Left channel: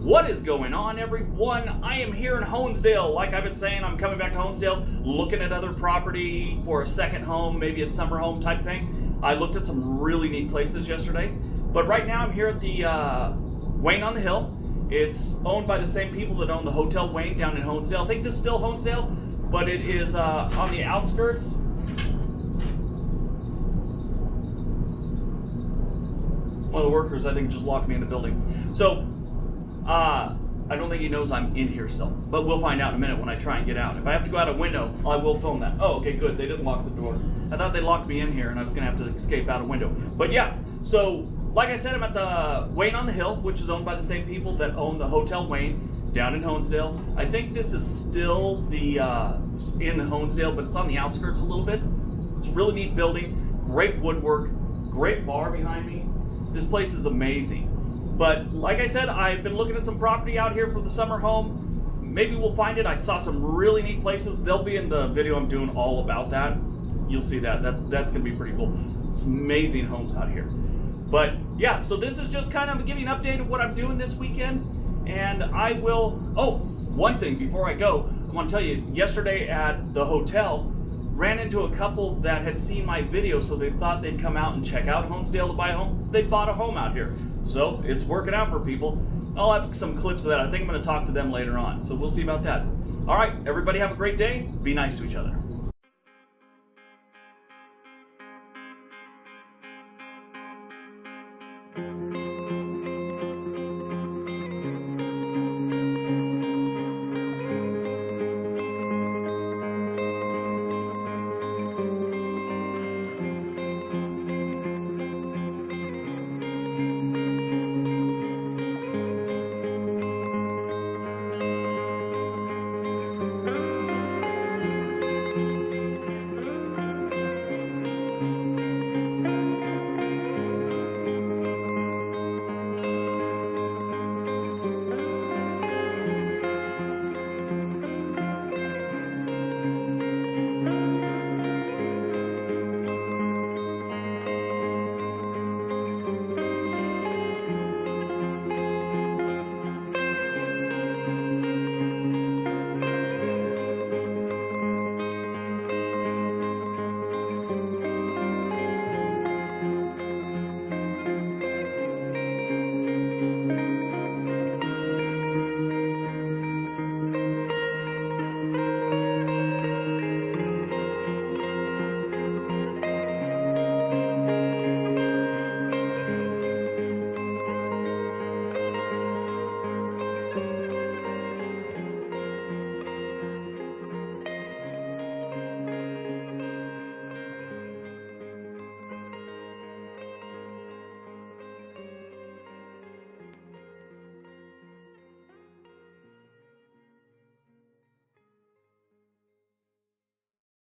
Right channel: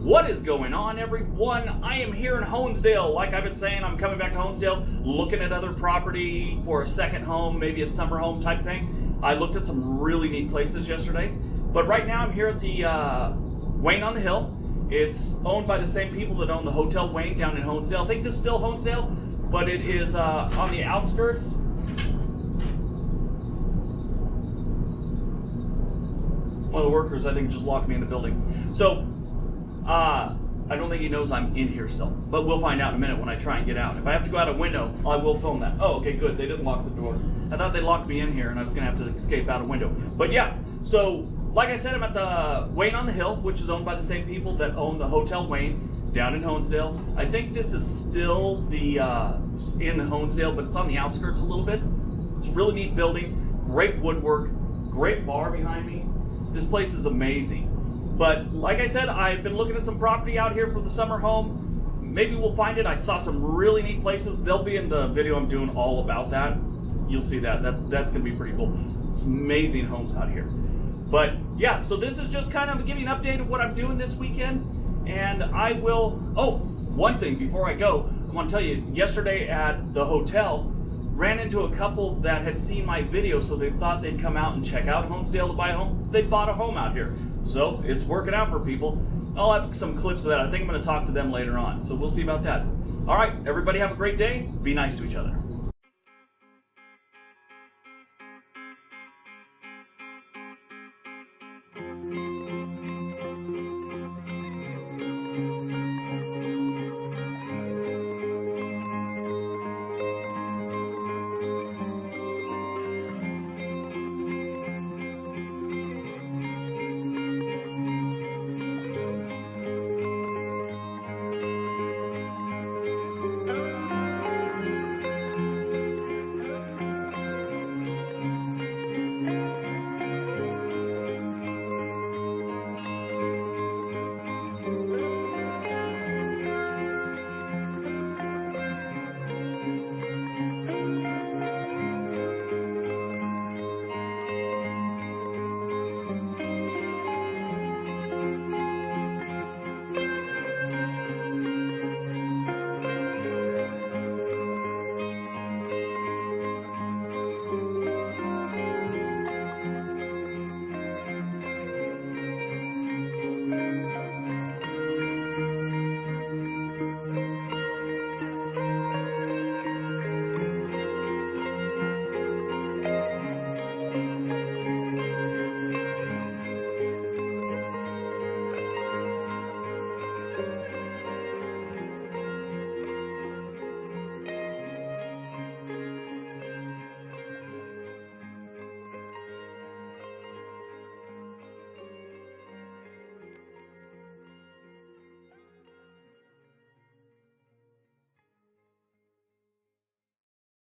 What is going on, everyone? I am here in Honesdale. Like I've been saying, I'm coming back to Honesdale, looking at other property for a second home, maybe a summer home type thing. I looked at some really neat places yesterday, but right now I'm here at the Wayne on the Hill. It's owned by the same people that own the Hotel Wayne down in Honesdale. I think this is still Honesdale, but it is on the outskirts. One of the workers, I think, just locked me in the building. So, I don't think he knows I'm in here still, but we'll find out in a minute when I try and get out. If I have to go out a window, I will film that. Oh, okay, good. They didn't lock the door. I thought they locked me in here and I was going to have to escape out a window. But yeah, so like I said, I'm at the Wayne on the Hill, which is owned by the same people that own the Hotel Wayne down in Honesdale. I think this is still the in Honesdale, but it's on the outskirts a little bit. It's a really neat building, great woodwork, great bar behind me. This place is amazing. But like I said, I've been looking at some property out here for the summer home. Maybe we'll find it. I saw some really neat places. They'll be in the video I'm doing all about that. You'll see that. That's going to be pretty cool. It's amazing homes out here. But yeah, so this is just kind of giving an update of what I'm doing this weekend. And I will, oh, one thing before I go, I want to tell you, yesterday at the hotel, ran into a couple that had seen my video, so they thought they'd come out and check out Honesdale to buy a home. They bought a home out here. So it's working out for people. I'll have some clips of that. I think I'm going to talk to them later on. So we'll see about that. All right, everybody have a great day. Be nice to each other.